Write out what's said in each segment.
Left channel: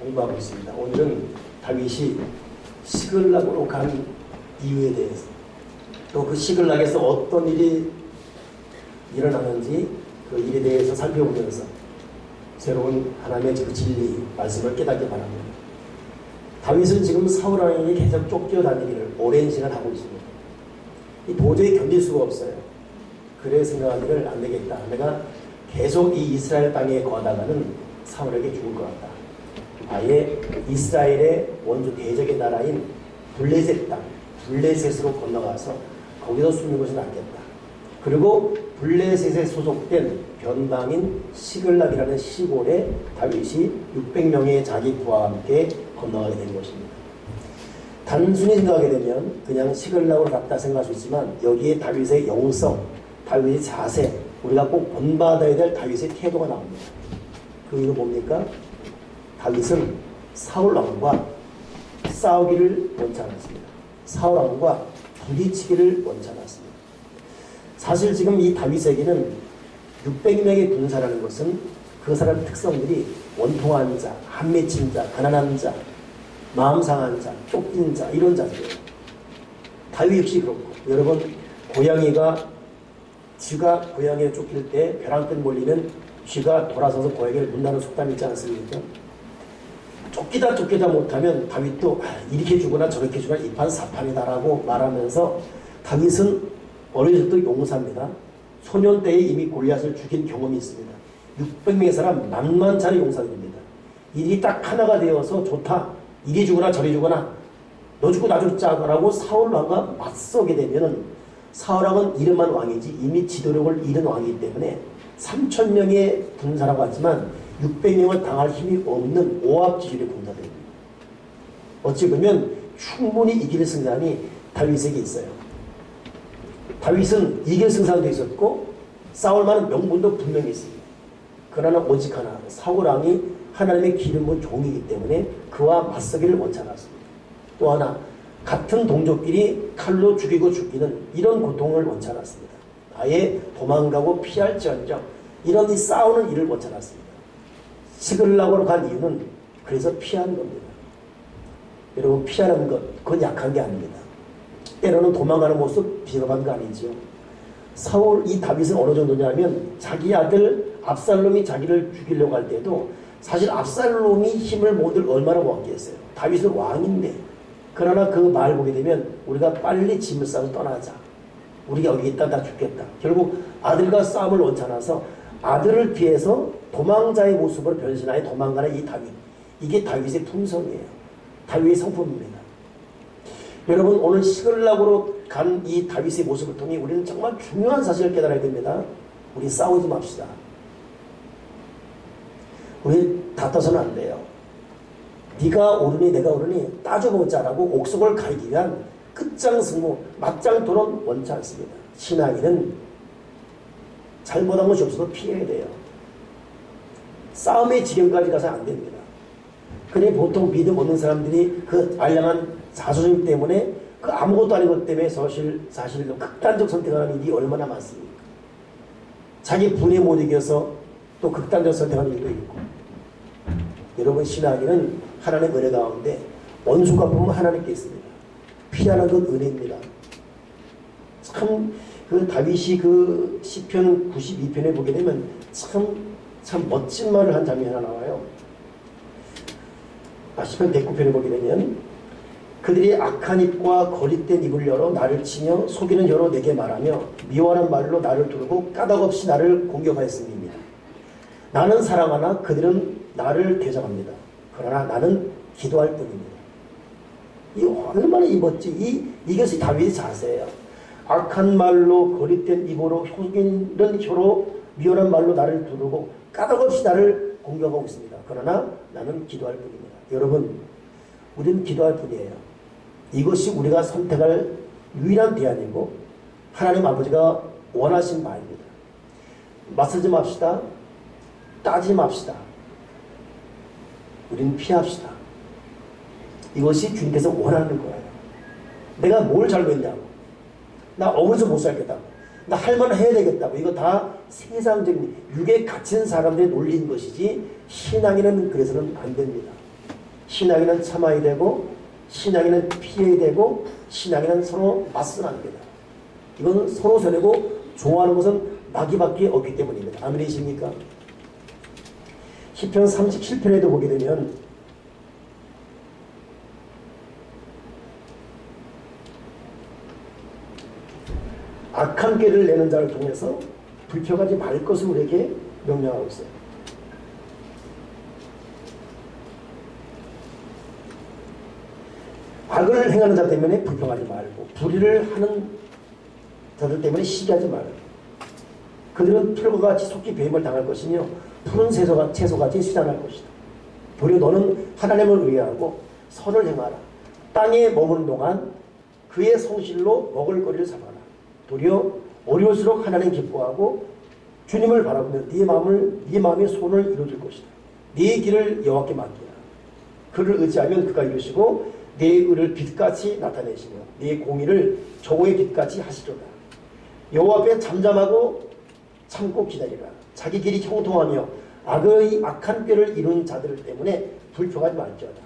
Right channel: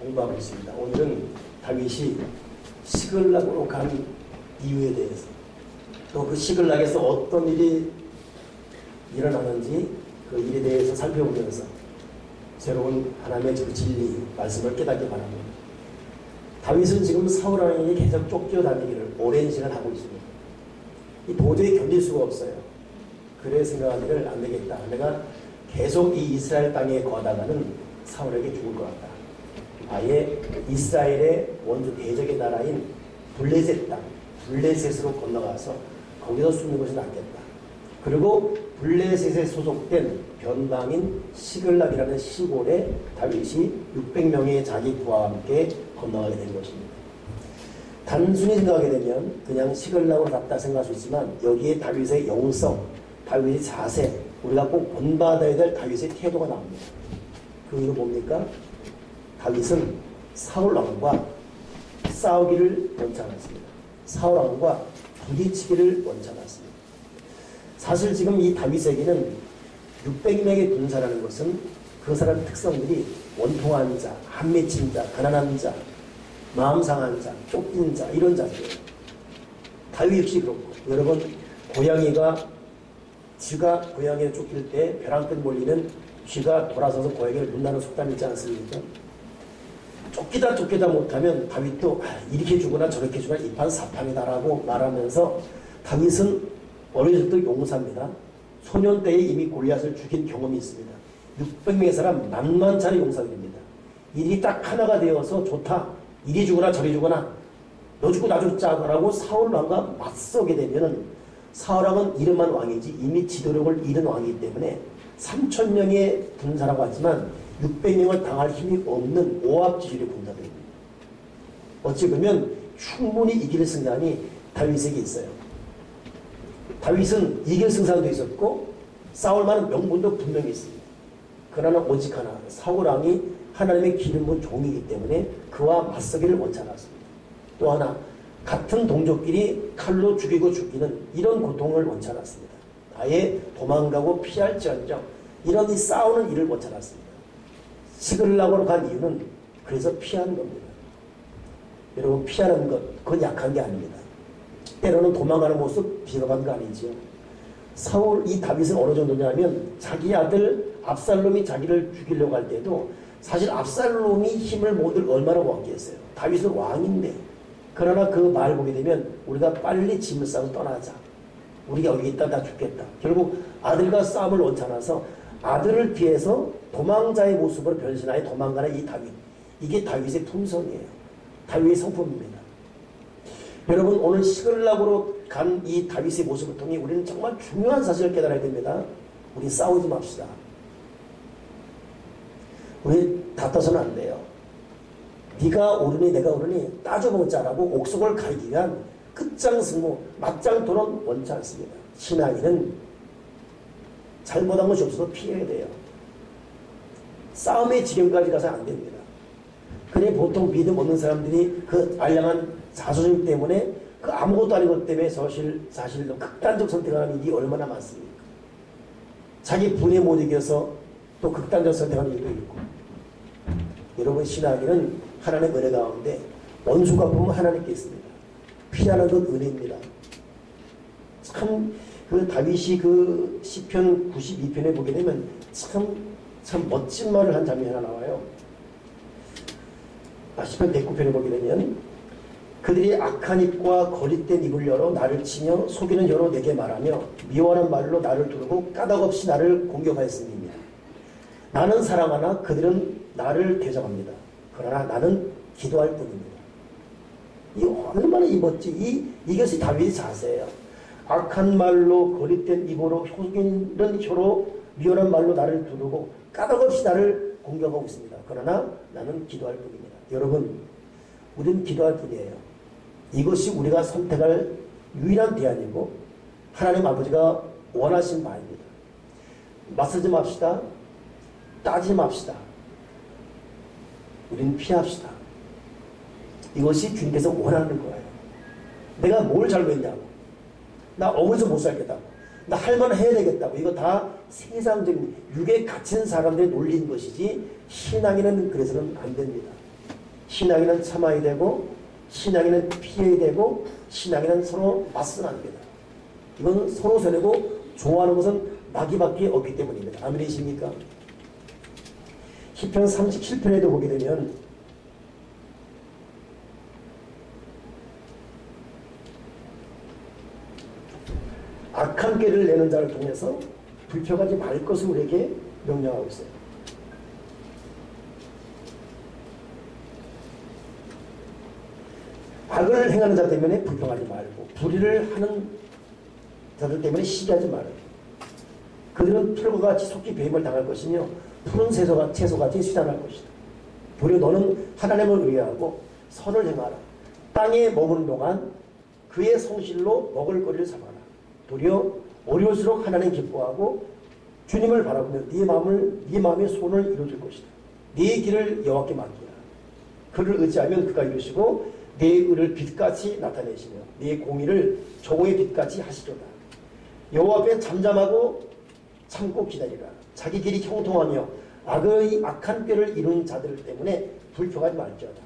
공부하고 있습니다. 오늘은 다윗이 시글락으로 간 이유에 대해서, 또 그 시글락에서 어떤 일이 일어나는지 그 일에 대해서 살펴보면서 새로운 하나님의 그 진리 말씀을 깨닫기 바랍니다. 다윗은 지금 사울 왕에게 계속 쫓겨다니기를 오랜 시간 하고 있습니다. 이 도저히 견딜 수가 없어요. 그래 생각하기를 안 되겠다. 내가 계속 이 이스라엘 땅에 거하다가는 사울에게 죽을 것 같다. 아예 이스라엘의 원조 대적의 나라인 블레셋 땅, 블레셋으로 건너가서 거기서 숨는 것이 낫겠다. 그리고 블레셋에 소속된 변방인 시글락이라는 시골에 다윗이 600명의 자기 부하와 함께 건너가게 된 것입니다. 단순히 생각하게 되면 그냥 시글락으로 갔다 생각할 수 있지만 여기에 다윗의 영성, 다윗의 자세, 우리가 꼭 본받아야 될 다윗의 태도가 나옵니다. 그 이유는 뭡니까? 다윗은 사울 왕과 싸우기를 원치 않았습니다. 사울 왕과 부딪히기를 원치 않았습니다. 사실 지금 이 다윗에게는 600명의 군사라는 것은 그 사람의 특성들이 원통한 자, 한 맺힌 자, 가난한 자, 마음 상한 자, 쫓긴 자, 이런 자들이에요. 다윗 역시 그렇고, 여러분 쥐가 고양이에 쫓길 때 벼랑 끝 몰리는 쥐가 돌아서서 고양이를 문다는 속담이 있지 않습니까? 쫓기다 못하면 다윗도 이렇게 주거나 저렇게 주거나 이판 사판이다라고 말하면서 다윗은 어렸을 때 용사입니다. 소년 때에 이미 골리앗을 죽인 경험이 있습니다. 600명의 사람 만만찮은 용사들입니다. 일이 딱 하나가 되어서 좋다. 이리 주거나 저리 주거나 너 죽고 나 죽자라고 사울 왕과 맞서게 되면은 사울 왕은 이름만 왕이지 이미 지도력을 잃은 왕이기 때문에 3000명의 군사라고 하지만 600명을 당할 힘이 없는 오합지졸의 군사들입니다. 어찌 보면 충분히 이길 승산이 다윗에게 있어요. 다윗은 이길 승산도 있었고 싸울 만한 명분도 분명히 있습니다. 그러나 오직 하나, 사울 왕이 하나님의 기름 부은 종이기 때문에 그와 맞서기를 원치 않았습니다. 또 하나, 같은 동족끼리 칼로 죽이고 죽이는 이런 고통을 원치 않았습니다. 아예 도망가고 피할지언정 이런 이 싸우는 일을 원치 않았습니다. 시글락으로 간 이유는 그래서 피하는 겁니다. 여러분, 피하는 것, 그건 약한 게 아닙니다. 때로는 도망가는 모습 비겁한 거 아니지요. 이 다윗은 어느 정도냐면 자기 아들 압살롬이 자기를 죽이려고 할 때도 사실 압살롬이 힘을 모두 얼마나 모았겠어요. 다윗은 왕인데. 그러나 그 말 보게 되면 우리가 빨리 짐을 싸고 떠나자. 우리가 여기 있다 다 죽겠다. 결국 아들과 싸움을 원치 않아서 아들을 피해서 도망자의 모습으로 변신하여 도망가는 이 다윗. 이게 다윗의 품성이에요. 다윗의 성품입니다. 여러분, 오늘 시글락으로 간 이 다윗의 모습을 통해 우리는 정말 중요한 사실을 깨달아야 됩니다. 우리 싸우지 맙시다. 우리 다퉈서는 안 돼요. 네가 옳으니 내가 옳으니 따져보자라고 옥석을 가리기 위한 끝장 승부, 맞짱 토론 원치 않습니다. 신앙인은 잘못한 것이 없어도 피해야 돼요. 싸움의 지경까지 가서 안 됩니다. 그래 보통 믿음 없는 사람들이 그 알량한 자존심 때문에 그 아무것도 아닌 것 때문에 사실 극단적 선택하는 일이 얼마나 많습니까? 자기 분에 못 이겨서 또 극단적 선택하는 일도 있고. 여러분, 신앙인은 하나님의 은혜 가운데 원수가 보면 하나님께 있습니다. 피하는 건 은혜입니다. 참 그 다윗이 그 시편 92편에 보게 되면 참 멋진 말을 한 장면이 하나 나와요. 시편 109편에 보게 되면 그들이 악한 입과 거짓된 입을 열어 나를 치며 속이는 혀로 내게 말하며 미워하는 말로 나를 두르고 까닭없이 나를 공격하였습니다. 나는 사랑하나 그들은 나를 대적합니다. 그러나 나는 기도할 뿐입니다. 이 얼마나 멋지 이것이 다윗의 자세예요. 악한 말로 거짓된 입으로 속이는 혀로 미워한 말로 나를 두르고 까닭없이 나를 공격하고 있습니다. 그러나 나는 기도할 뿐입니다. 여러분, 우리는 기도할 뿐이에요. 이것이 우리가 선택할 유일한 대안이고 하나님 아버지가 원하신 바입니다. 맞서지 맙시다. 따지지 맙시다. 우리는 피합시다. 이것이 주님께서 원하는 거예요. 내가 뭘 잘못했냐고, 나 어머니서 못 살겠다고, 나 할 말을 해야 되겠다고, 이거 다 세상적인 육에 갇힌 사람들의 논리인 것이지 신앙에는 그래서는 안 됩니다. 신앙에는 참아야 되고 신앙에는 피해야 되고 신앙에는 서로 맞서는 안 됩니다. 이건 서로 서내고 좋아하는 것은 마귀밖에 없기 때문입니다. 아멘이십니까? 시편 37편에도 보게 되면 악한 꾀를 내는 자를 통해서 불평하지 말 것을 우리에게 명령하고 있어요. 악을 행하는 자 때문에 불평하지 말고 불의를 하는 자들 때문에 시기하지 말고 그들은 풀과 같이 속히 배임을 당할 것이며 푸른 채소같이 수잔할 것이다. 도리어 너는 하나님을 의뢰하고 선을 행하라. 땅에 머무는 동안 그의 성실로 먹을거리를 삼아라. 도리어 어려울수록 하나님 기뻐하고 주님을 바라보며 네 마음의 소원을 이루어줄 것이다. 네 길을 여호와께 맡기라. 그를 의지하면 그가 이루시고 네 의를 빛같이 나타내시며 네 공의를 저고의 빛같이 하시리로다. 여호와 앞에 잠잠하고 참고 기다리라. 자기 길이 형통하며 악한 꾀를 이룬 자들 때문에 불평하지 말지어다.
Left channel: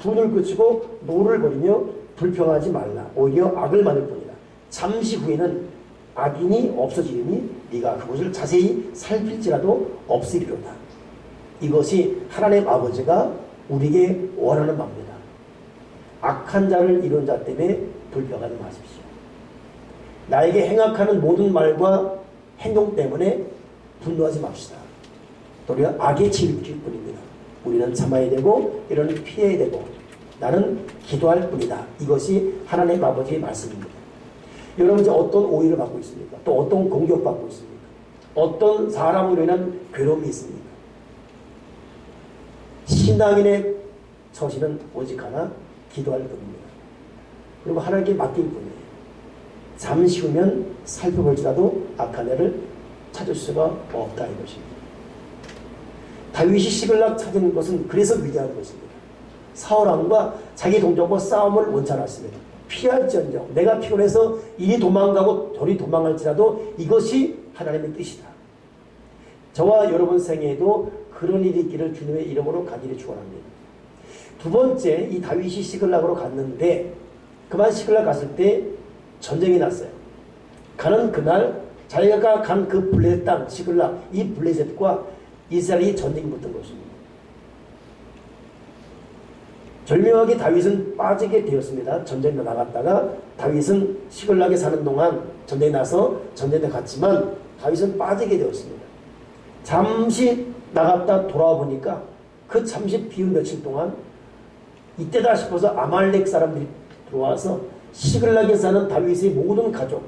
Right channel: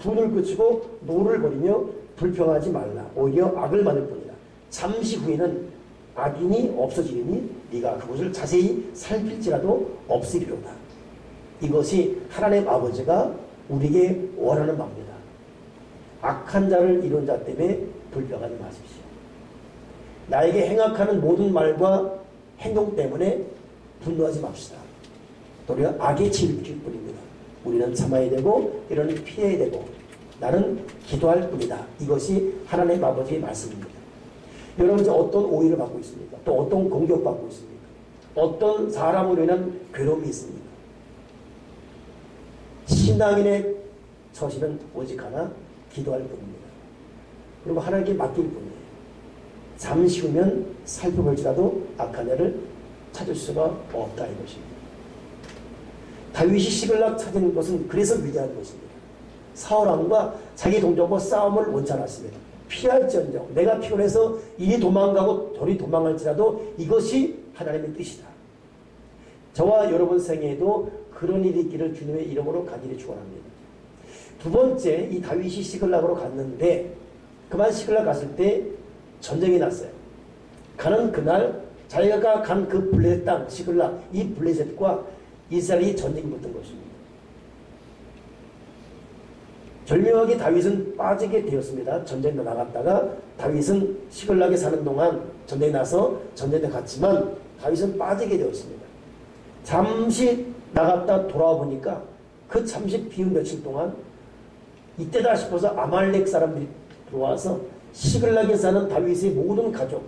분을 그치고 노를 버리며 불평하지 말라. 오히려 악을 만들 뿐이다. 잠시 후에는 악인이 없어지리니 네가 그것을 자세히 살필지라도 없으리로다. 이것이 하나님 아버지가 우리에게 원하는 바입니다. 악한 자를 이룬 자 때문에 불평하지 마십시오. 나에게 행악하는 모든 말과 행동 때문에 분노하지 맙시다. 도리어 악에 치를 뿐입니다. 우리는 참아야 되고 이러니 피해야 되고 나는 기도할 뿐이다. 이것이 하나님 아버지의 말씀입니다. 여러분 이제 어떤 오해를 받고 있습니까? 또 어떤 공격받고 있습니까? 어떤 사람으로 인한 괴로움이 있습니까? 신앙인의 처신은 오직 하나 기도할 뿐입니다. 그리고 하나님께 맡길 뿐이에요. 잠시 후면 살펴볼지라도 악한 애를 찾을 수가 없다 이것입니다. 다윗이 시글락 찾은 것은 그래서 위대한 것입니다. 사울왕과 자기 동족과 싸움을 원치 않았습니다. 피할지언정 내가 피곤해서 이리 도망가고 저리 도망할지라도 이것이 하나님의 뜻이다. 저와 여러분 생애에도 그런 일이 있기를 주님의 이름으로 간절히 축원합니다. 두 번째, 이 다윗이 시글락으로 갔는데 그만 시글락 갔을 때 전쟁이 났어요. 가는 그날 자기가 간 그 블레셋 땅 시글락 이 블레셋과 이스라엘이 전쟁이 붙은 것입니다. 절묘하게 다윗은 빠지게 되었습니다. 전쟁에 나갔다가 다윗은 시글락에 사는 동안 전쟁에 나서 전쟁에 갔지만 다윗은 빠지게 되었습니다. 잠시 나갔다 돌아와 보니까 그 잠시 비운 며칠 동안 이때다 싶어서 아말렉 사람들이 들어와서 시글락에 사는 다윗의 모든 가족,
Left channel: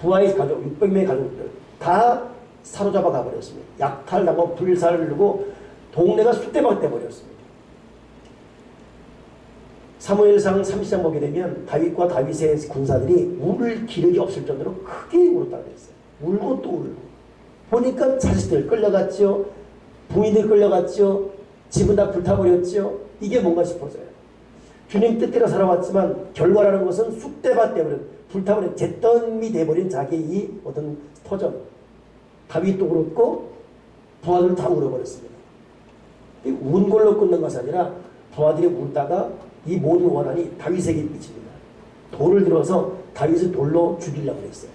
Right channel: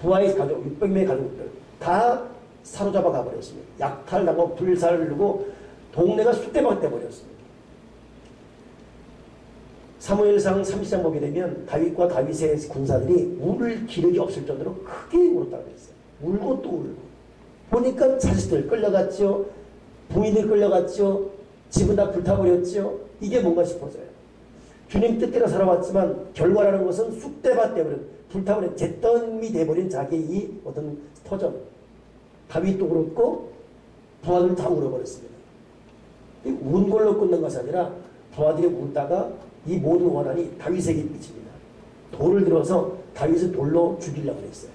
부하의 가족, 600명의 가족들 다 사로잡아 가버렸습니다. 약탈당하고 불살을 누르고 동네가 쑥대밭 돼버렸습니다. 사무엘상 30장 보게 되면 다윗과 다윗의 군사들이 울 기력이 없을 정도로 크게 울었다고 했어요. 울고 또 울고 보니까 자식들 끌려갔죠. 부인들 끌려갔죠. 집은 다 불타버렸죠. 이게 뭔가 싶어져요. 주님 뜻대로 살아왔지만 결과라는 것은 쑥대밭 돼버린 불타버린 잿더미 돼버린 자기의 이 어떤 터전 다윗도 그렇고 부하들은 다 울어버렸습니다. 운 걸로 끝난 것이 아니라 부하들이 울다가 이 모든 원한이 다윗에게 미칩니다. 돌을 들어서 다윗을 돌로 죽이려고 했어요.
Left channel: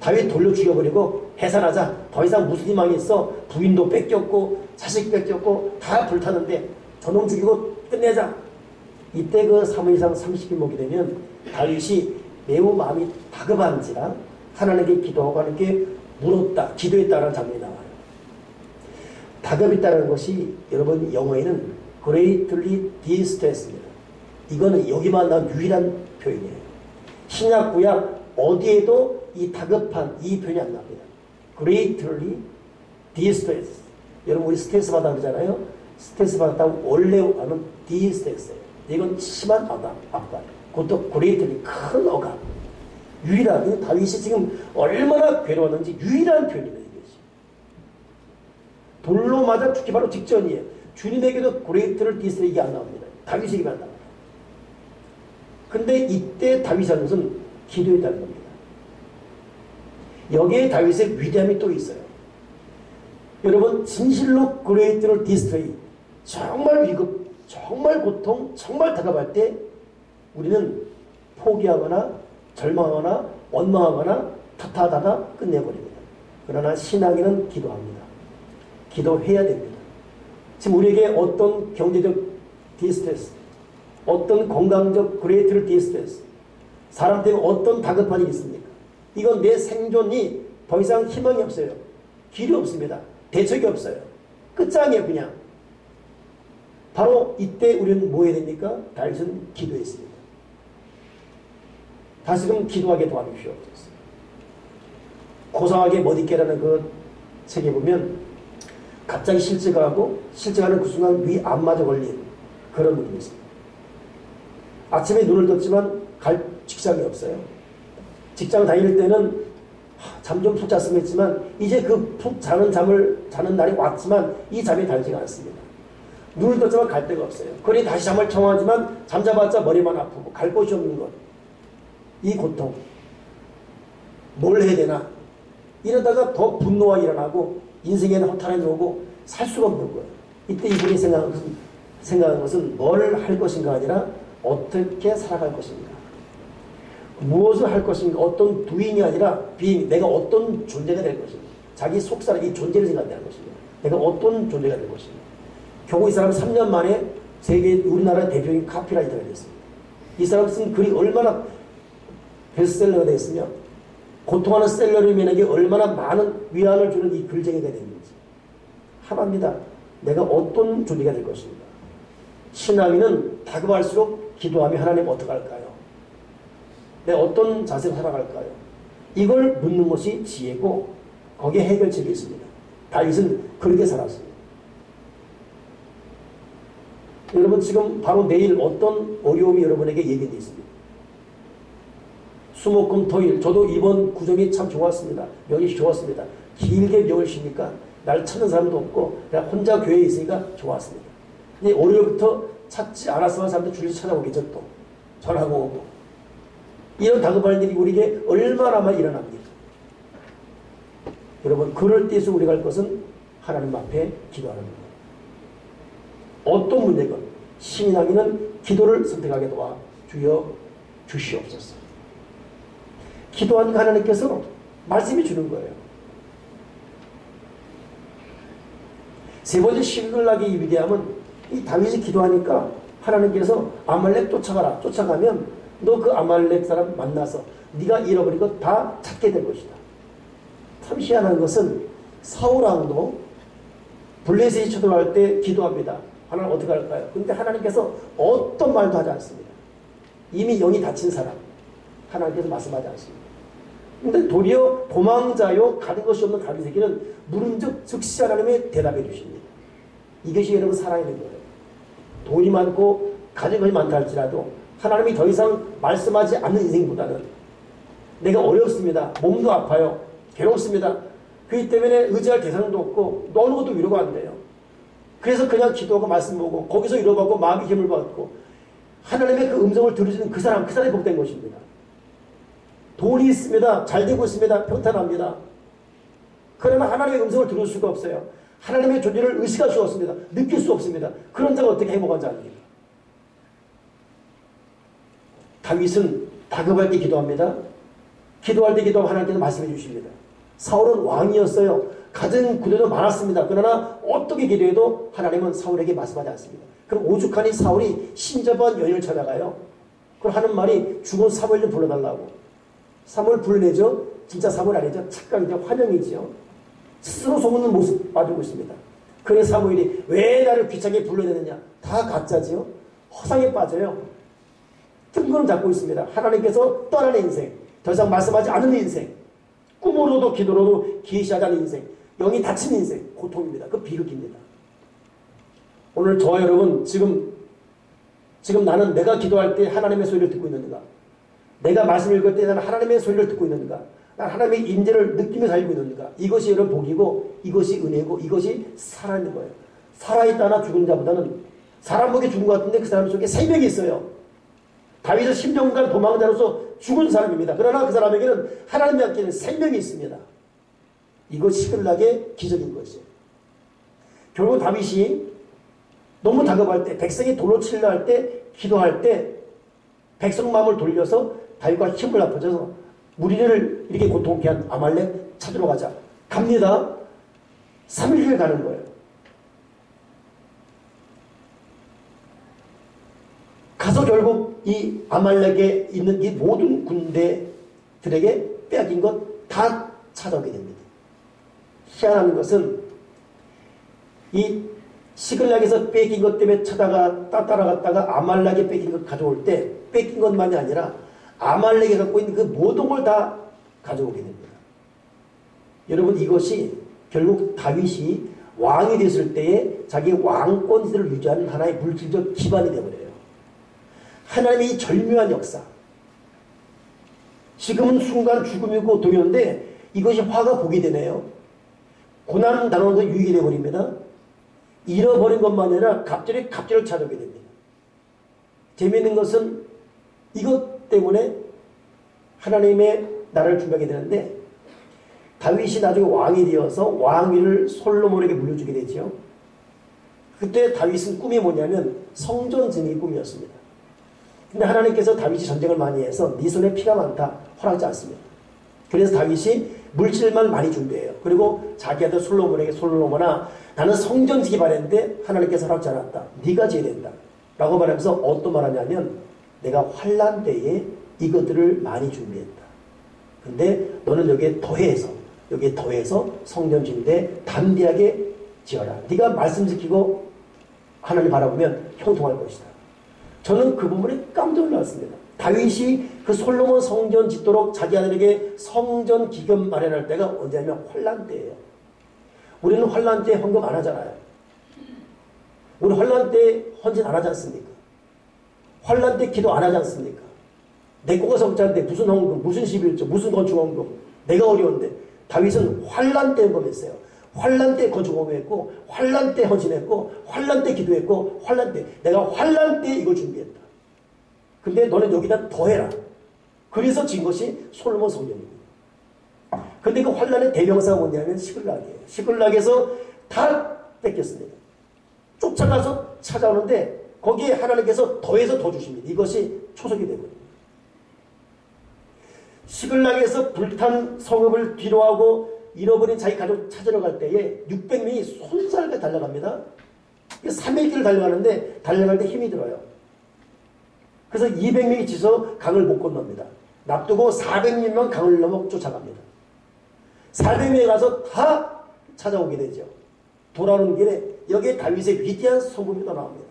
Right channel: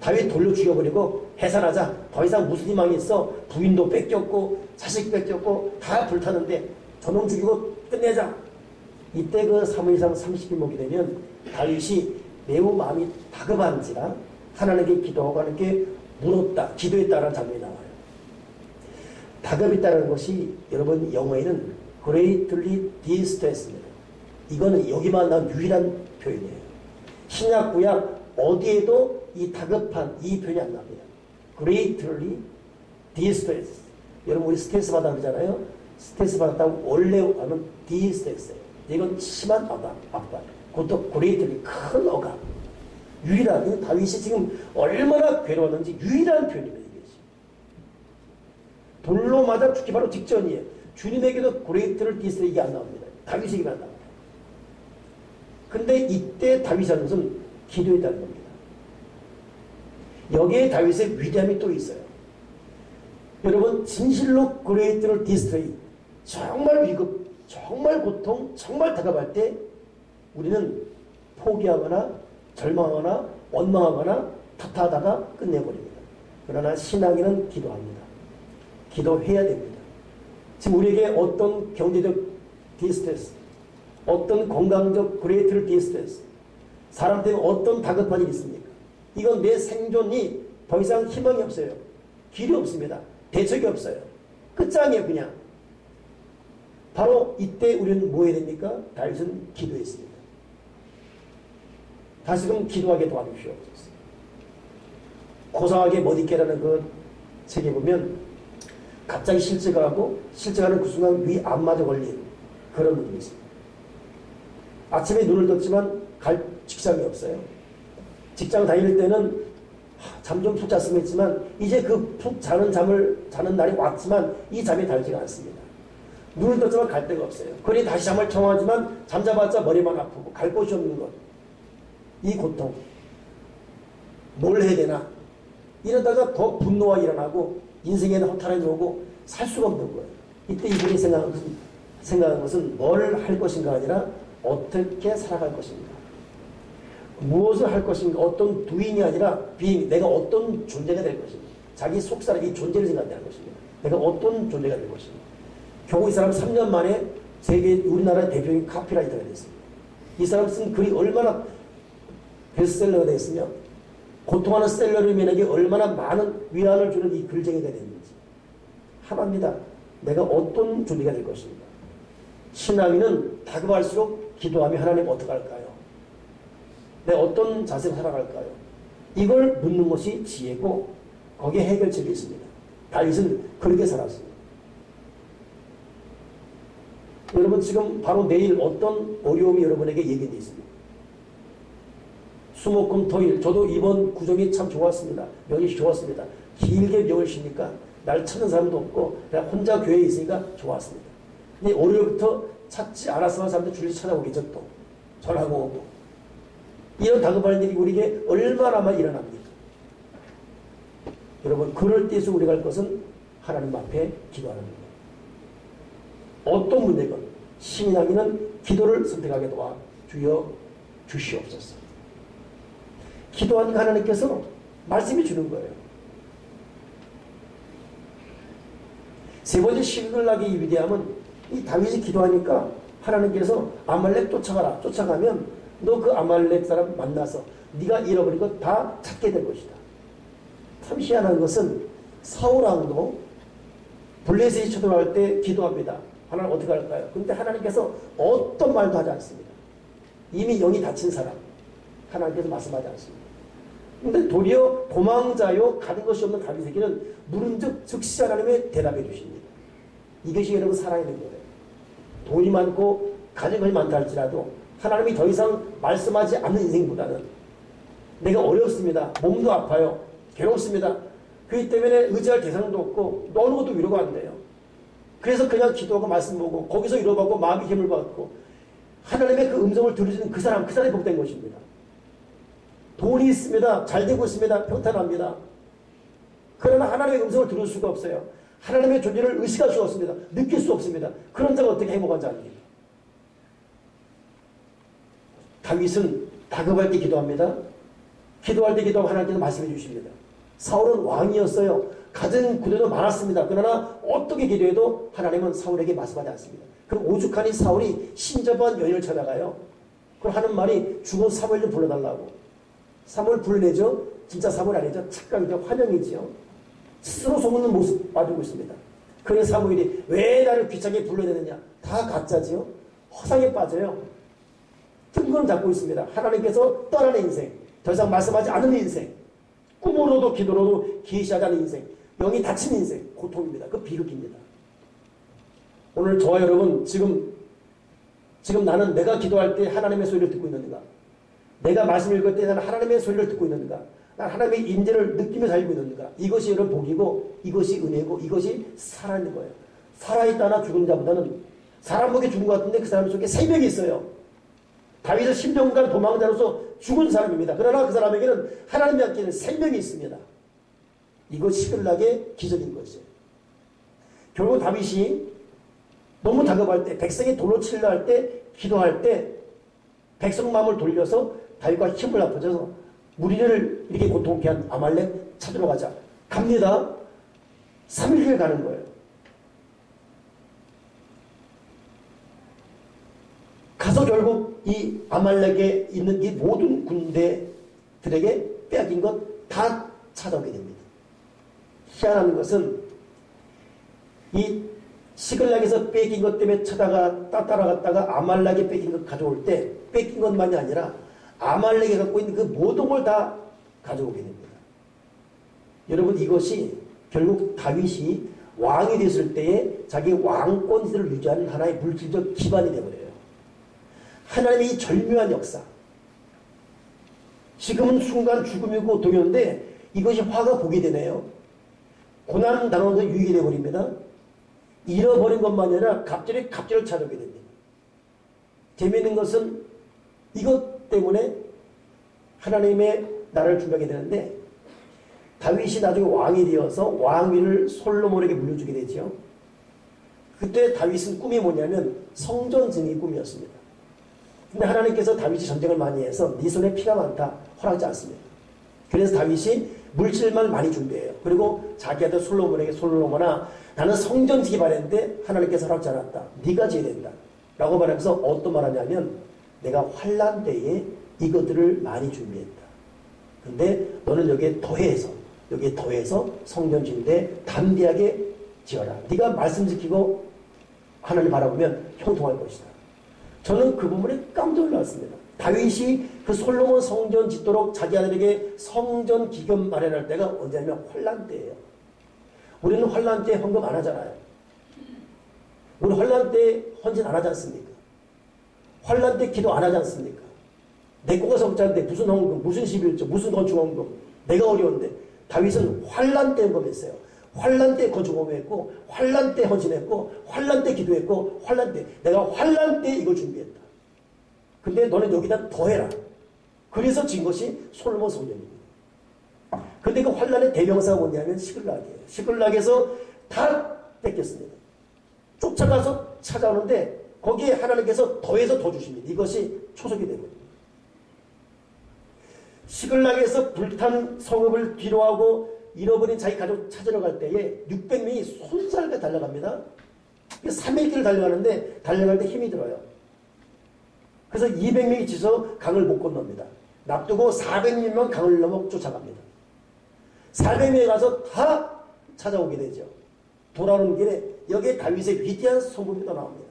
다윗 돌로 죽여버리고 해산하자. 더 이상 무슨 희망이 있어. 부인도 뺏겼고 자식 뺏겼고 다 불타는데 저놈 죽이고 끝내자. 이때 그 사무엘상 30일 보게 되면 다윗이 매우 마음이 다급한지라 하나님께 기도하고 하나님께 물었다, 기도했다라는 장면이 나와요. 다급했다는 것이 여러분 영어에는 greatly distress입니다. 이거는 여기만 나온 유일한 표현이에요. 신약 구약 어디에도 이 다급한 이 표현이 안 나옵니다. greatly distress. 여러분 우리 스트레스 받아 그러잖아요. 스트레스 받았다고 원래 하면 distress예요. 이건 심한 압박. 그것도 greatly 큰 억압. 유일한 다윗이 지금 얼마나 괴로웠는지 유일한 표현입니다. 이것이. 돌로 맞아 죽기 바로 직전이에요. 주님에게도 great를 디스레 이게 안 나옵니다. 다윗에게만 나옵니다. 근데 이때 다윗이 하는 것은 기도했다는 겁니다. 여기에 다윗의 위대함이 또 있어요. 여러분, 진실로 그레이트를 디스트레이, 정말 위급, 정말 고통, 정말 다급할 때 우리는 포기하거나 절망하거나 원망하거나 탓하다가 끝내버립니다. 그러나 신앙인은 기도합니다. 기도해야 됩니다. 지금 우리에게 어떤 경제적 디스트레스, 어떤 건강적 그레이트를 디스트레스, 사람 때문에 어떤 다급한 일이 있습니까? 이건 내 생존이 더 이상 희망이 없어요. 길이 없습니다. 대책이 없어요. 끝장이에요, 그냥. 바로 이때 우리는 뭐 해야 됩니까? 다윗은 기도했습니다. 다시금 기도하게 도와주시옵소서. 고상하게 못 있게라는 그 책에 보면 갑자기 실직하고 실직하는 그 순간 위 안마저 걸린 그런 분이 있습니다. 아침에 눈을 떴지만 갈 직장이 없어요. 직장 다닐 때는 잠 좀 푹 잤으면 했지만 이제 그 푹 자는 날이 왔지만 이 잠이 달지가 않습니다. 눈을 떴지만 갈 데가 없어요. 그러니 다시 잠을 청하지만 잠자봤자 머리만 아프고 갈 곳이 없는 것. 이 고통. 뭘 해야 되나? 이러다가 더 분노가 일어나고 인생에는 허탈함이 오고 살 수가 없는 거예요. 이때 이분이 생각한 것은 뭘 할 것인가 아니라 어떻게 살아갈 것인가. 무엇을 할 것인가. 어떤 doing이 아니라 being. 내가 어떤 존재가 될 것인가. 자기 속사람, 이 존재를 생각하는 것입니다. 내가 어떤 존재가 될 것인가. 결국 이 사람 3년 만에 세계 우리나라 대표적인 카피라이터가 됐습니다. 이 사람 쓴 글이 얼마나 베스트셀러가 됐으며 고통하는 셀러리맨에게 얼마나 많은 위안을 주는 이 글쟁이가 됐는지. 하나입니다. 내가 어떤 존재가 될 것인가. 신앙인은 다급할수록 기도하며 하나님 어떡할까요? 내가 어떤 자세로 살아갈까요? 이걸 묻는 것이 지혜고 거기에 해결책이 있습니다. 다윗은 그렇게 살았습니다. 여러분 지금 바로 내일 어떤 어려움이 여러분에게 예견되어 있습니다. 수목금 토일 저도 이번 구정이 참 좋았습니다. 명이 좋았습니다. 길게 명을 쉬니까 날 찾는 사람도 없고 내가 혼자 교회에 있으니까 좋았습니다. 근데 월요일부터 찾지 않았으면 사람들 줄이 찾아오겠죠. 또 전화고 오고 이런 다급한 일이 우리에게 얼마나만 일어납니까? 여러분 그럴 때에서 우리가 할 것은 하나님 앞에 기도하는 겁니다. 어떤 문제건 신앙인은 기도를 선택하게 도와 주여 주시옵소서. 기도하니까 하나님께서 말씀해 주는 거예요. 세 번째 시글락의 위대함은 이 다윗이 기도하니까 하나님께서 아말렉 쫓아가라. 쫓아가면 너 그 아말렉 사람 만나서 네가 잃어버린 것 다 찾게 될 것이다. 참 희한한 것은 사울왕도 블레셋이 쳐들어갈 때 기도합니다. 하나님 어떻게 할까요? 그런데 하나님께서 어떤 말도 하지 않습니다. 이미 영이 다친 사람 하나님께서 말씀하지 않습니다. 근데 도리어 도망자요 가는 것이 없는 다윗에게는 물은 즉시 하나님의 대답해 주십니다. 이것이 여러분 살아있는 거예요. 돈이 많고 가진 것이 많다 할지라도 하나님이 더 이상 말씀하지 않는 인생보다는 내가 어렵습니다. 몸도 아파요. 괴롭습니다. 그렇기 때문에 의지할 대상도 없고 어느 것도 위로가 안 돼요. 그래서 그냥 기도하고 말씀 보고 거기서 위로받고 마음의 힘을 받고 하나님의 그 음성을 들으시는 그 사람이 복된 것입니다. 돈이 있습니다. 잘 되고 있습니다. 평탄합니다. 그러나 하나님의 음성을 들을 수가 없어요. 하나님의 존재를 의식할 수가 없습니다. 느낄 수 없습니다. 그런 자가 어떻게 행복한 자입니까? 다윗은 다급할 때 기도합니다. 기도할 때 기도하면 하나님께서 말씀해 주십니다. 사울은 왕이었어요. 가진 구대도 많았습니다. 그러나 어떻게 기도해도 하나님은 사울에게 말씀하지 않습니다. 그럼 오죽하니 사울이 신접한 여인을 찾아가요. 그럼 하는 말이 죽은 사무엘 좀 불러달라고. 사무엘 불러내죠. 진짜 사무엘 아니죠. 착각이죠. 환영이죠. 스스로 소문는 모습 빠지고 있습니다. 그래서 사무엘이 왜 나를 귀찮게 불러내느냐. 다 가짜지요. 허상에 빠져요. 뜬구름 잡고 있습니다. 하나님께서 떠나는 인생. 더 이상 말씀하지 않는 인생. 꿈으로도 기도로도 계시하지 않는 인생. 영이 닫힌 인생. 고통입니다. 그 비극입니다. 오늘 저와 여러분 지금 나는 내가 기도할 때 하나님의 소리를 듣고 있는가? 내가 말씀 읽을 때 나는 하나님의 소리를 듣고 있는가? 난 하나님의 임재를 느끼며 살고 있는가? 이것이 여러분 복이고 이것이 은혜고 이것이 살아있는 거예요. 살아있다나 죽은 자보다는 사람 보기에 죽은 것 같은데 그 사람 속에 생명이 있어요. 다윗은 10년간 도망자로서 죽은 사람입니다. 그러나 그 사람에게는 하나님이 맡기는 생명이 있습니다. 이거 시글락의 기적인 것이에요. 결국 다윗이 너무 다급할 때, 백성이 돌로 치려 할 때, 기도할 때 백성 마음을 돌려서 다윗과 힘을 합쳐서 우리를 이렇게 고통케 한 아말렉 찾으러 가자. 갑니다. 3일을 가는 거예요. 가서 결국 이 아말렉에 있는 이 모든 군대들에게 빼앗긴 것 다 찾아오게 됩니다. 희한한 것은 이 시글락에서 뺏긴 것 때문에 따라갔다가 아말렉에 뺏긴 것 가져올 때 뺏긴 것만이 아니라 아말렉이 갖고 있는 그 모든 걸 다 가져오게 됩니다. 여러분, 이것이 결국 다윗이 왕이 됐을 때에 자기 왕권세를 유지하는 하나의 물질적 기반이 되어버려요. 하나님의 이 절묘한 역사. 지금은 순간 죽음이고 고통이었는데 이것이 화가 복이 되네요. 고난 당하면서 유익이 되어버립니다. 잃어버린 것만 아니라 갑자기 갑절을 찾아오게 됩니다. 재미있는 것은 이것 때문에 하나님의 나라를 준비하게 되는데 다윗이 나중에 왕이 되어서 왕위를 솔로몬에게 물려주게 되죠. 그때 다윗은 꿈이 뭐냐면 성전 증이 꿈이었습니다. 근데 하나님께서 다윗이 전쟁을 많이 해서 네 손에 피가 많다 허락하지 않습니다. 그래서 다윗이 물질만 많이 준비해요. 그리고 자기 아들 솔로몬에게 솔로몬아 나는 성전 지기 바랬는데 하나님께서 허락하지 않았다. 네가 지어야 된다. 라고 말하면서 어떤 말하냐면 내가 환난 때에 이것들을 많이 준비했다. 근데 너는 여기에 더해서 성전 짓는데 담대하게 지어라. 네가 말씀 지키고 하나님 바라보면 형통할 것이다. 저는 그 부분에 깜짝 놀랐습니다. 다윗이 그 솔로몬 성전 짓도록 자기 아들에게 성전 기금 마련할 때가 언제냐면 환난 때예요. 우리는 환난 때 헌금 안 하잖아요. 우리 환난 때 헌신 안 하지 않습니까? 환난 때 기도 안 하지 않습니까? 내 거가 성찬인데 무슨 헌금, 무슨 11조, 무슨 건축헌금. 내가 어려운데 다윗은 환난 때 헌금했어요. 환난 때 건축헌금했고 환난 때 헌신했고 환난 때 기도했고 환난 때 내가 환난 때 이걸 준비했다. 근데 너는 여기다 더해라. 그래서 진 것이 솔로몬 성전입니다. 근데 그 환난의 대명사가 뭐냐면 시글락이에요. 시글락에서 다 뺏겼습니다. 쫓아가서 찾아오는데 거기에 하나님께서 더해서 더 주십니다. 이것이 초석이 되거든요. 시글락에서 불탄 성읍을 뒤로하고 잃어버린 자기 가족 찾으러 갈 때에 600명이 손살게 달려갑니다. 3일길을 달려가는데 달려갈 때 힘이 들어요. 그래서 200명이 지서 강을 못 건넙니다. 납두고 400명만 강을 넘어 쫓아갑니다. 400명이 가서 다 찾아오게 되죠. 돌아오는 길에 여기에 다윗의 위대한 성품이 또 나옵니다.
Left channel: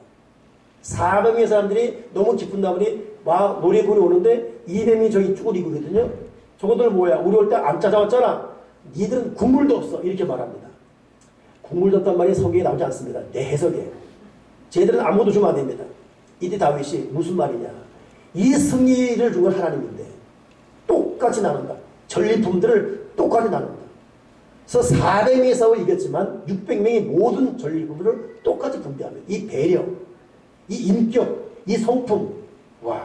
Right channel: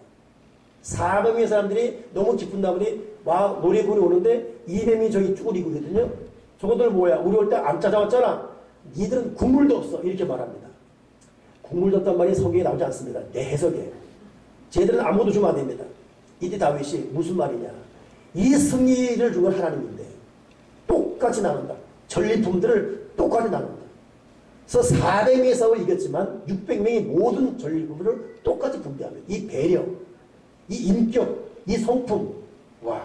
400명의 사람들이 너무 기쁜 나머지 막 노래 부르러 오는데 200명이 저기 쭈그리거든요. 저것들 뭐야? 우리 올 때 안 찾아왔잖아. 니들은 국물도 없어. 이렇게 말합니다. 국물도 없단 말이 성경에 나오지 않습니다. 내 해석에. 쟤들은 아무도 주면 안 됩니다. 이때 다윗이 무슨 말이냐. 이 승리를 준 건 하나님인데 똑같이 나눈다. 전리품들을 똑같이 나눈다. 그래서 400명의 싸움을 이겼지만 600명이 모든 전리품들을 똑같이 분배합니다. 이 배려, 이 인격, 이 성품. 와,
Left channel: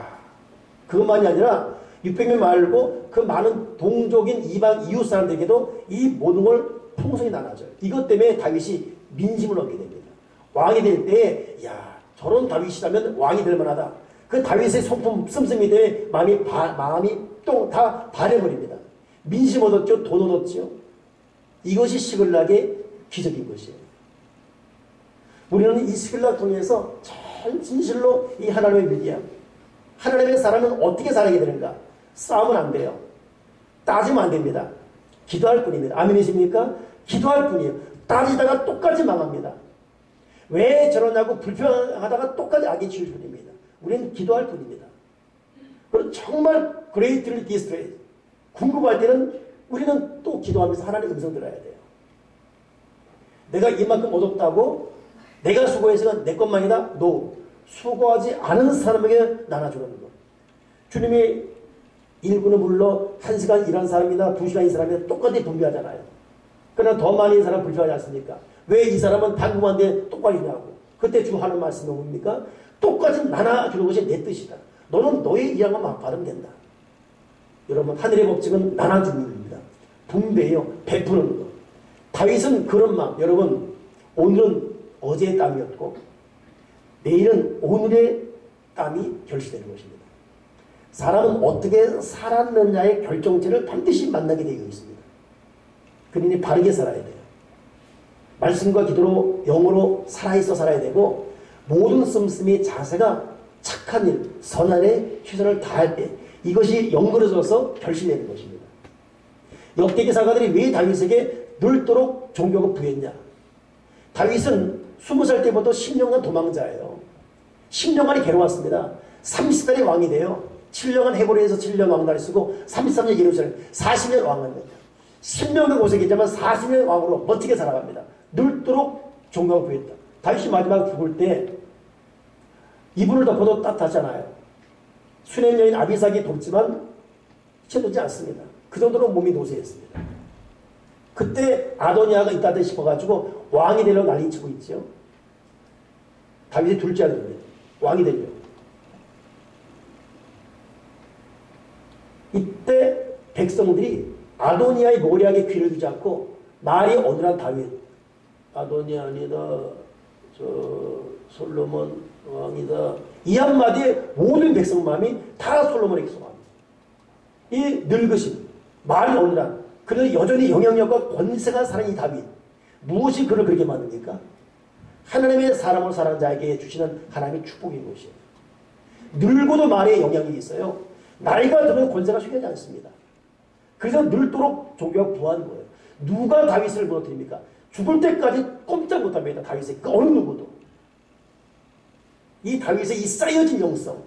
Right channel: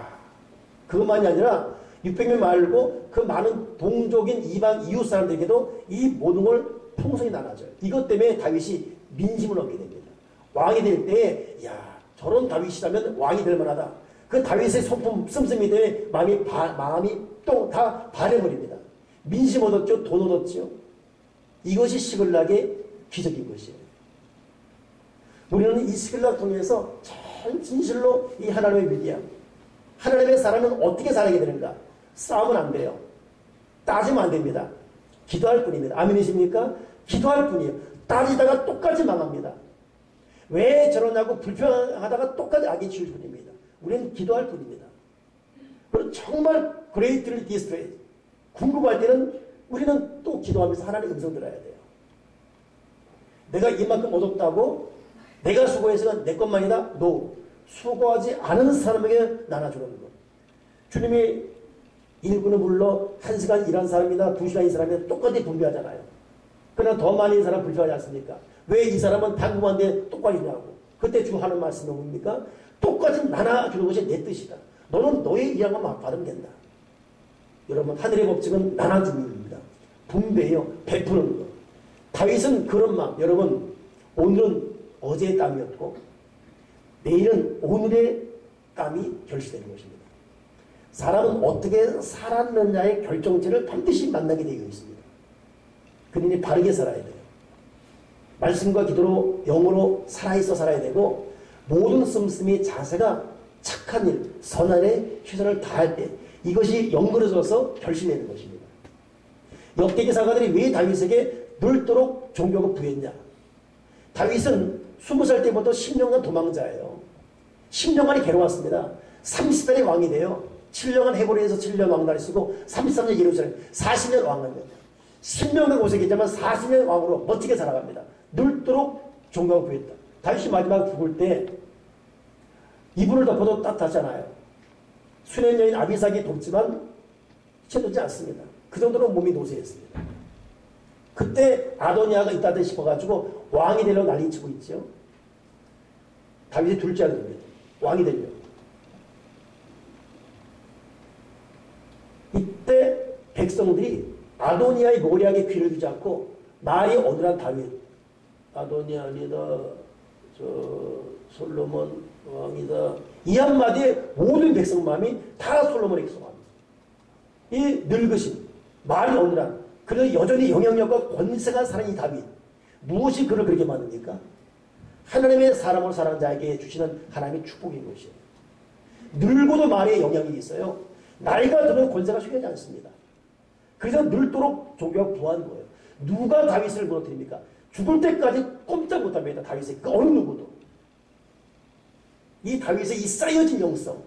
그것만이 아니라 600명 말고 그 많은 동족인 이방 이웃 사람들에게도 이 모든 걸 풍성히 나눠줘요. 이것 때문에 다윗이 민심을 얻게 됩니다. 왕이 될 때에 야 저런 다윗이라면 왕이 될 만하다. 그 다윗의 성품 씀씀이 때문에 마음이 또 다 바래버립니다. 민심 얻었죠. 돈 얻었죠. 이것이 시글락의 기적인 것이에요. 우리는 이 시글락 통해서 참 진실로 이 하나님의 위대함, 하나님의 사람은 어떻게 살아야 되는가? 싸우면 안 돼요. 따지면 안 됩니다. 기도할 뿐입니다. 아멘이십니까? 기도할 뿐이에요. 따지다가 똑같이 망합니다. 왜 저러냐고 불평하다가 똑같이 악이 치울 뿐입니다. 우리는 기도할 뿐입니다. 그리고 정말 greatly distressed, 궁금할 때는 우리는 또 기도하면서 하나님의 음성 들어야 돼요. 내가 이만큼 얻었다고 내가 수고해서 내 것만이다? No. 수고하지 않은 사람에게 나눠주는 것. 주님이 1분을 불러 1시간 일한 사람이나 2시간 이 사람이나 똑같이 분배하잖아요. 그러나 더 많이 사람 불평하지 않습니까? 왜 이 사람은 단금한데 똑같이 주냐고. 그때 주 하는 말씀은 뭡니까? 똑같이 나눠주는 것이 내 뜻이다. 너는 너의 이양만 받으면 된다. 여러분 하늘의 법칙은 나눠줍니다. 분배요. 베푸는 것. 다윗은 그런 마음. 여러분 오늘은 어제의 땀이었고 내일은 오늘의 땀이 결실되는 것입니다. 사람은 어떻게 살았느냐의 결정체를 반드시 만나게 되어 있습니다. 그러니 바르게 살아야 돼요. 말씀과 기도로 영으로 살아있어 살아야 되고 모든 씀씀이 자세가 착한 일, 선한 일에 최선을 다할 때 이것이 연결해져서 결실되는 것입니다. 역대기 사가들이 왜 다윗에게 늘도록 존경을 부했냐? 다윗은 20살 때부터 10년간 도망자예요. 10년간이 괴로웠습니다. 30살에 왕이 돼요. 7년간 헤브론에서 7년 왕날을 쓰고 33년 예루살렘 40년 왕입니다. 10년간 고생했지만 40년 왕으로 멋지게 살아갑니다. 늘도록 존경을 부했다. 다윗이 마지막에 죽을 때 이불을 덮어도 따뜻하잖아요. 수련 여인 아비삭이 돕지만 채도지 않습니다. 그 정도로 몸이 노쇠했습니다. 그때 아도니아가 있다 싶어가지고 왕이 되려고 난리치고 있죠. 다윗의 둘째 아들입니다. 왕이 되려고. 이때 백성들이 아도니아의 모략에 귀를 두지 않고 말이 어눌한 다윗, 아도니아 아니다, 솔로몬 왕이다, 이 한마디에 모든 백성 마음이 다 솔로몬에게 쏘합니다. 이 늙으신 말이 어눌한, 그래도 여전히 영향력과 권세가 사는 이 다윗, 무엇이 그를 그렇게 만듭니까? 하나님의 사람을 사랑하는 자에게 주시는 하나님의 축복인 것이에요. 늙어도 말에 영향력이 있어요. 나이가 들면 권세가 쉬지 않습니다. 그래서 늙도록 존경하고 부하는 거예요. 누가 다윗을 무너뜨립니까? 죽을 때까지 꼼짝 못합니다. 다윗의 그 어느 누구도. 이 다윗의 이 쌓여진 영성,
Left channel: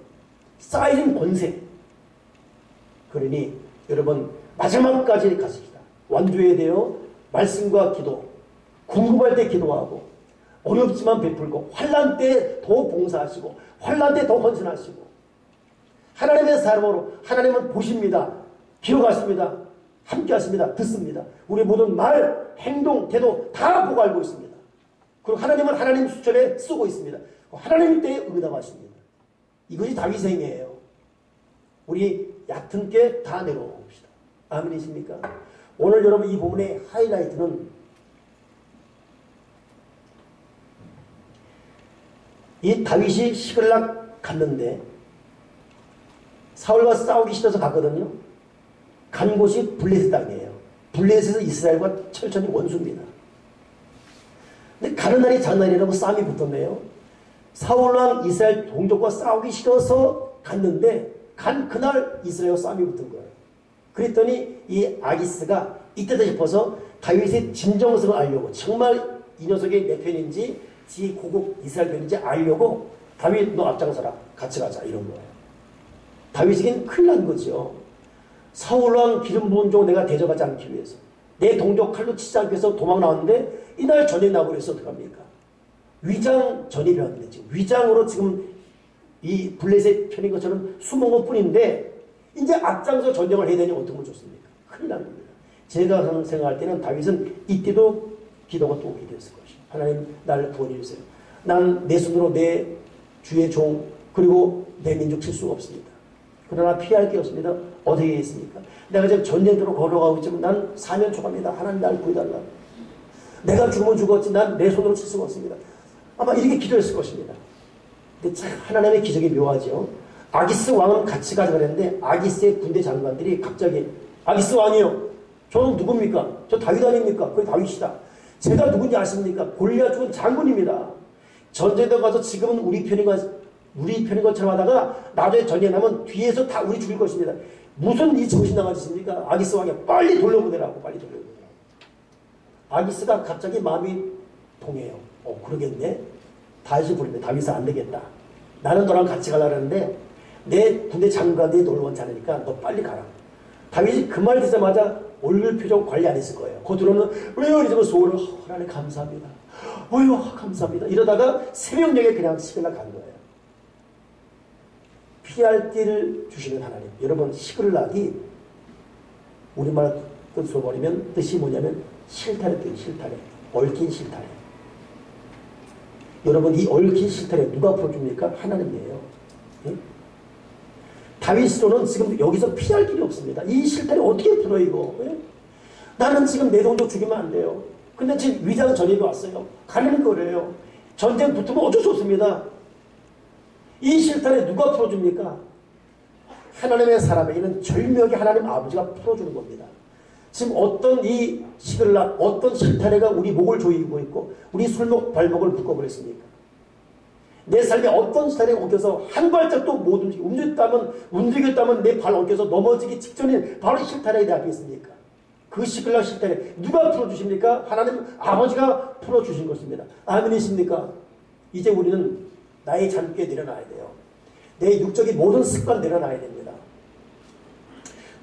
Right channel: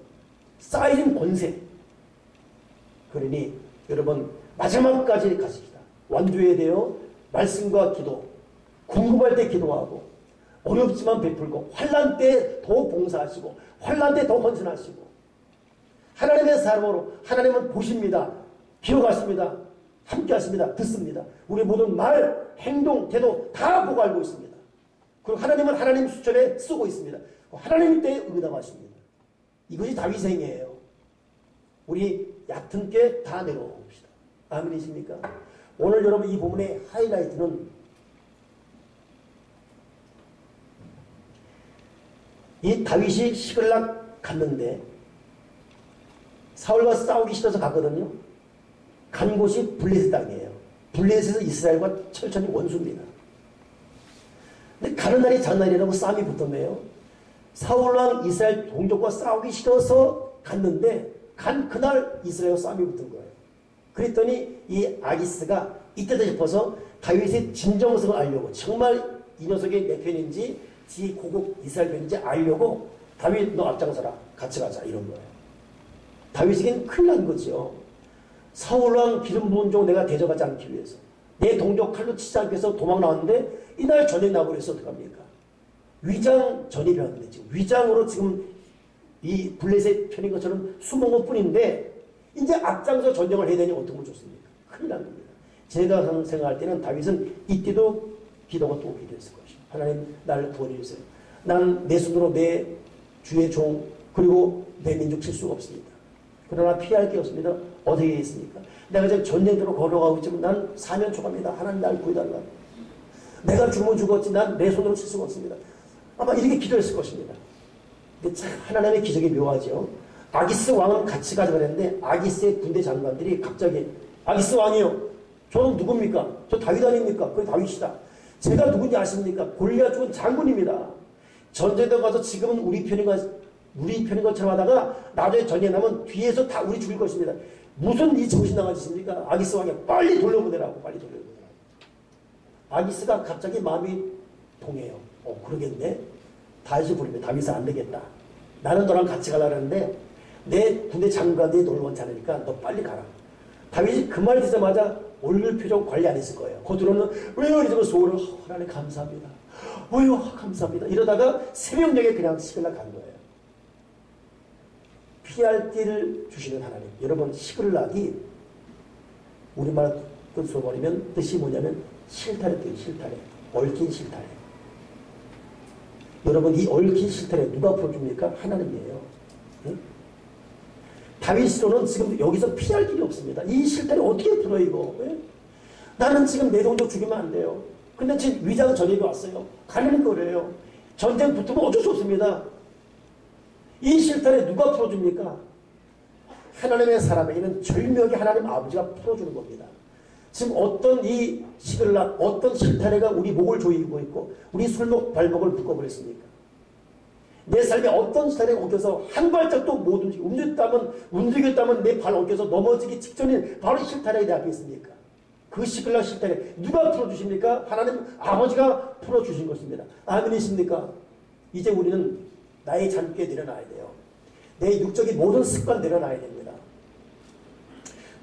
쌓여진 권세. 그러니 여러분 마지막까지 가십시다. 완주해야 돼요. 말씀과 기도, 궁금할 때 기도하고 어렵지만 베풀고 환난 때 더 봉사하시고 환난 때 더 헌신하시고 하나님의 사람으로 하나님은 보십니다. 기억하십니다. 함께 하십니다. 듣습니다. 우리 모든 말, 행동, 태도 다 보고 알고 있습니다. 그리고 하나님은 하나님 수천에 쓰고 있습니다. 하나님 때에 응답하십니다. 이것이 다윗의 행위예요. 우리 얕은 게 다 내려봅시다. 아멘이십니까? 오늘 여러분 이 부분의 하이라이트는 이 다윗이 시글락 갔는데 사울과 싸우기 싫어서 갔거든요. 간 곳이 블레셋 땅이에요. 블레셋에서 이스라엘과 철저히 원수입니다. 근데 가는 날이 장날이라고 싸움이 붙었네요. 사울왕 이스라엘 동족과 싸우기 싫어서 갔는데 간 그날 이스라엘과 싸움이 붙은 거예요. 그랬더니 이 아기스가 이때다 싶어서 다윗의 진정성을 알려고 정말 이 녀석이 내 편인지 지 고국 이스라엘 편인지 알려고 다윗 너 앞장서라 같이 가자 이런 거예요. 다윗에겐 큰일 난 거죠. 사울왕 기름 부은 종 내가 대접하지 않기 위해서 내 동족 칼로 치지 않기 위해서 도망 나왔는데 이날 전에 나버려서 어떡합니까? 위장 전입이 왔는데 지금 위장으로 지금 이 블레셋 편인 것처럼 숨은 것 뿐인데 이제 앞장서 전쟁을 해야 되니 어떻게 좋습니까? 큰일 난 겁니다. 제가 생각할 때는 다윗은 이때도 기도가 또 오게 됐을 것이요. 하나님 나를 구원해 주세요. 난 내 손으로 내 주의 종 그리고 내 민족 칠 수가 없습니다. 그러나 피할 게 없습니다. 어디에 있습니까? 내가 지금 전쟁터로 걸어가고 있지만 난 사면 초과입니다. 하나님 나를 구해달라. 내가 죽으면 죽었지 난 내 손으로 칠 수가 없습니다. 아마 이렇게 기도했을 것입니다. 근데 참 하나님의 기적이 묘하죠. 아기스 왕은 같이 가자 그랬는데 아기스의 군대 장관들이 갑자기 아기스 왕이요. 저는 누굽니까? 저 다윗 아닙니까? 그게 다윗이다. 제가 누군지 아십니까? 골리앗 죽은 장군입니다. 전쟁터 가서 지금은 우리 편인 것처럼 하다가 나중에 전쟁 나면 뒤에서 다 우리 죽일 것입니다. 무슨 이 정신나간 짓입니까? 아기스 왕이 빨리 돌려보내라고 빨리 돌려보내라고. 아기스가 갑자기 마음이 동해요. 그러겠네. 다윗이 부르면 다윗은 안 되겠다. 나는 너랑 같이 가려고 하는데 내 군대 장관들이 놀러 오지 않으니까 너 빨리 가라. 다윗이 그 말 듣자마자 얼굴 표정 관리 안 했을 거예요. 겉으로는 왜요? 이러고 속으로 하나님 감사합니다. 왜요? 감사합니다. 이러다가 새벽녘에 그냥 시글락 간 거예요. 피할 길을 주시는 하나님. 여러분 시글락이 우리말 뜻으로 버리면 뜻이 뭐냐면 실타래 뜻 실타래. 얽힌 실타래. 여러분 이 얽힌 실타래 누가 풀어줍니까? 하나님이에요. 예? 다윗으로는 지금 여기서 피할 길이 없습니다. 이 실타래 어떻게 풀어 이거? 예? 나는 지금 내 동족 죽이면 안 돼요. 근데 지금 위장 전입이 왔어요. 가는 거래요. 전쟁 붙으면 어쩔 수 없습니다. 이 실타래 누가 풀어줍니까? 하나님의 사람에게는 절묘하게 하나님 아버지가 풀어주는 겁니다. 지금 어떤 이 시글락, 어떤 실타래가 우리 목을 조이고 있고 우리 술목 발목을 묶어버렸습니까? 내 삶에 어떤 실타래가 엉켜서 한 발짝도 못 움직였다면 내 발 엉켜서 넘어지기 직전인 바로 실타래가 내 앞에 있습니까? 그 시글락 실타래 누가 풀어주십니까? 하나님 아버지가 풀어주신 것입니다. 아멘이십니까? 이제 우리는 나의 잠귀에 내려놔야 돼요. 내 육적인 모든 습관 내려놔야 됩니다.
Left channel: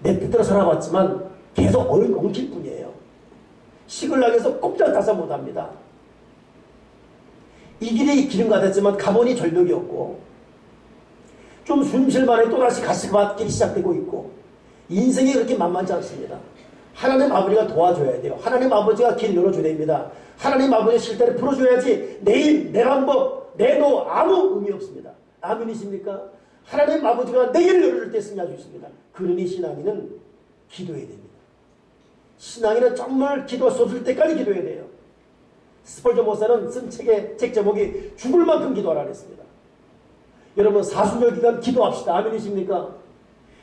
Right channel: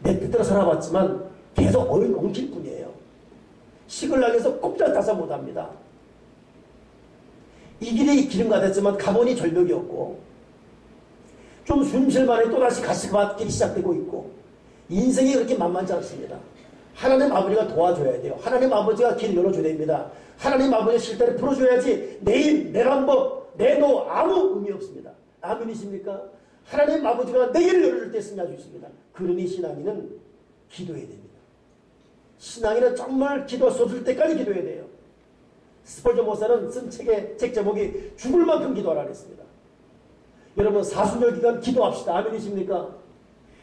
내 뜻대로 살아왔지만 계속 엉킬 뿐이에요. 시글락에서 꼼짝 따서 못합니다. 이 길이 길은 같았지만 가보니 절벽이 없고 좀 숨쉴만해 또다시 가시밭길이 시작되고 있고 인생이 그렇게 만만치 않습니다. 하나님 아버지가 도와줘야 돼요. 하나님 아버지가 길 열어줘야 됩니다. 하나님 아버지의 실태를 풀어줘야지 내 힘, 내 방법, 내 노 아무 의미 없습니다. 아멘이십니까? 하나님 아버지가 내 길을 열어줄 때 승리할 수 있습니다. 그러니 신앙인은 기도해야 됩니다. 신앙인은 정말 기도 쏟을 때까지 기도해야 돼요. 스펄전 목사는 쓴 책 제목이 죽을 만큼 기도하라 그랬습니다. 여러분 사순절 기간 기도합시다. 아멘이십니까?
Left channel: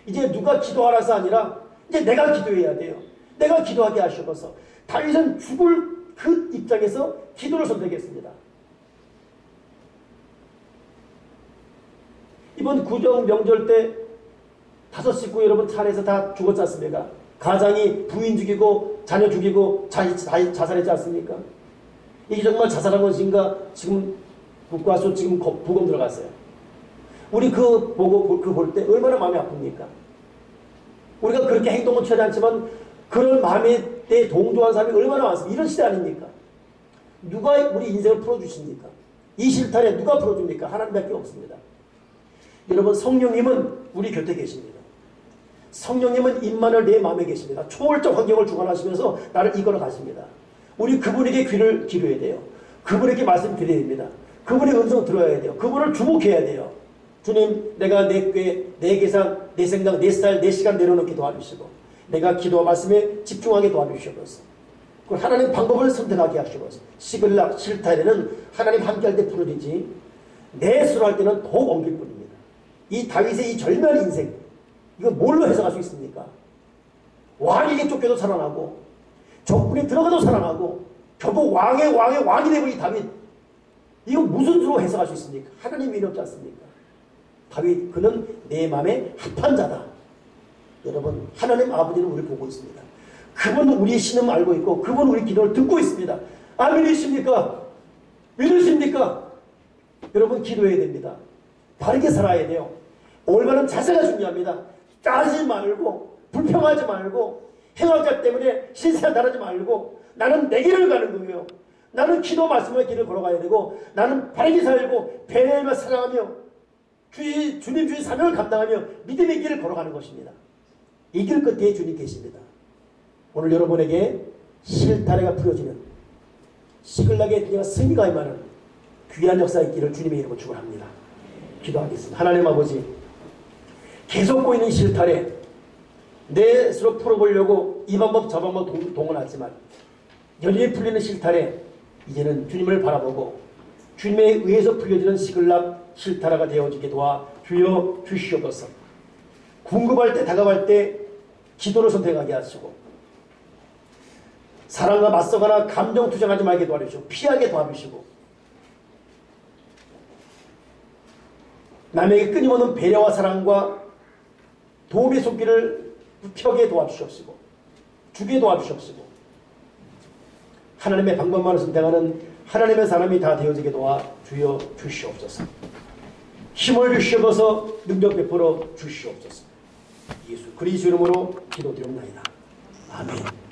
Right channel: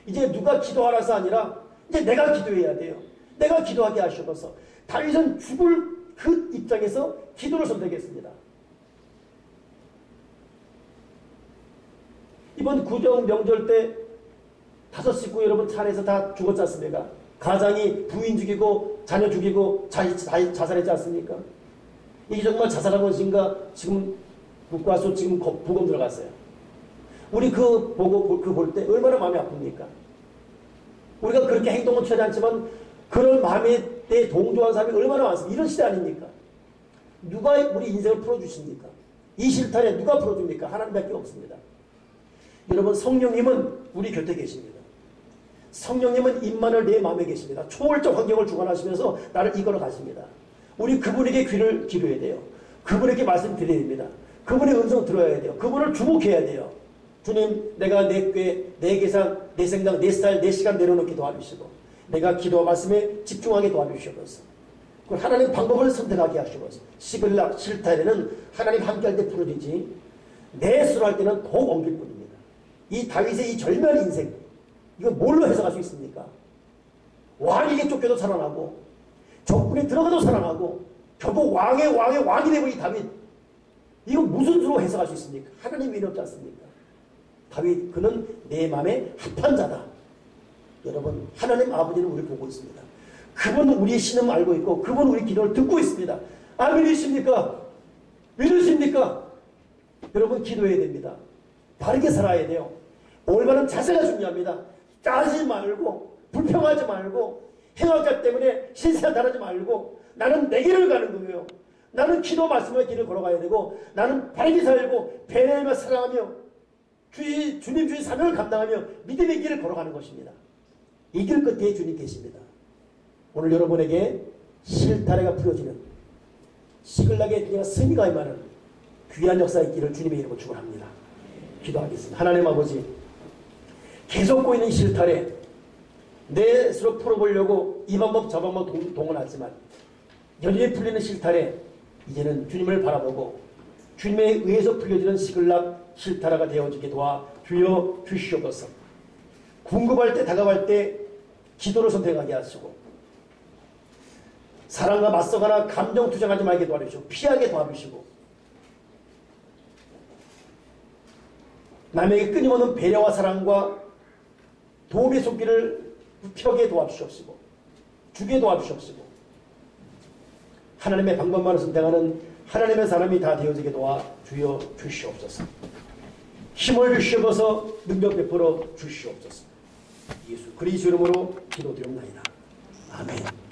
이제 누가 기도하라서 아니라 이제 내가 기도해야 돼요. 내가 기도하게 하시옵소서. 다윗은 죽을 그 입장에서 기도를 선택했습니다. 이번 구정 명절 때 5식구 여러분 차례에서 다 죽었지 않습니까? 가장이 부인 죽이고 자녀 죽이고 자살했지 않습니까? 이게 정말 자살한 것인가? 지금 국가수 지금 부검 들어갔어요. 우리 그 볼 때 얼마나 마음이 아픕니까? 우리가 그렇게 행동은 취하지 않지만 그런 마음에 대해 동조한 사람이 얼마나 많습니까? 이런 시대 아닙니까? 누가 우리 인생을 풀어주십니까? 이 실타래 누가 풀어줍니까? 하나님밖에 없습니다. 여러분 성령님은 우리 곁에 계십니다. 성령님은 임만을 내 마음에 계십니다. 초월적 환경을 주관하시면서 나를 이끌어 가십니다. 우리 그분에게 귀를 기울여야 돼요. 그분에게 말씀드려야 됩니다. 그분의 음성 들어야 돼요. 그분을 주목해야 돼요. 주님, 내가 내 꾀, 내 계산, 내 생각, 내 스타일, 내 시간 내려놓게 도와주시고 내가 기도와 말씀에 집중하게 도와주시옵소서. 그 하나님 방법을 선택하게 하시옵소서. 시글락, 실타래는 하나님 함께할 때 풀어지지 내 스스로 할 때는 더욱 엉킬 뿐입니다. 이 다윗의 이 절묘한 인생 이거 뭘로 해석할 수 있습니까? 왕에게 쫓겨도 살아나고 적군이 들어가도 살아나고 결국 왕의 왕이 되고 이 다윗 이거 무슨 수로 해석할 수 있습니까? 하나님이 이롭지 않습니까? 다윗 그는 내 마음에 합한 자다. 여러분 하나님 아버지는 우리를 보고 있습니다. 그분은 우리의 신음을 알고 있고 그분은 우리 기도를 듣고 있습니다. 아멘이십니까? 믿으십니까? 여러분 기도해야 됩니다. 바르게 살아야 돼요. 올바른 자세가 중요합니다. 짜지 말고 불평하지 말고 행악자 때문에 신세가 다르지 말고 나는 내 길을 가는 거예요. 나는 기도 말씀의 길을 걸어가야 되고 나는 바르게 살고 배려하며 사랑하며 주님 주의 사명을 감당하며 믿음의 길을 걸어가는 것입니다. 이 길 끝에 주님 계십니다. 오늘 여러분에게 실타래가 풀어지는 시글락의 그냥 승리가 임하는 귀한 역사의 길을 주님의 이름으로 축원합니다. 기도하겠습니다. 하나님 아버지 계속 꼬이는 실타래 내 스스로 풀어보려고 이 방법 저 방법 동원하지만 여전히 풀리는 실타래 이제는 주님을 바라보고 주님에 의해서 풀려지는 시글락 실타래가 되어지게 도와 주여 주시옵소서. 궁금할 때 다가갈 때 기도를 선택하게 하시고 사랑과 맞서거나 감정 투쟁하지 말게 도와주시고 피하게 도와주시고 남에게 끊임없는 배려와 사랑과 도움의 손길을 펴게 도와주시옵시고 주게 도와주시옵시고 하나님의 방법만을 선택하는 하나님의 사람이 다 되어지게 도와 주여 주시옵소서. 힘을 주시옵소서. 능력 베풀어 주시옵소서. 예수 그리스도 이름으로 기도드립니다. 아멘.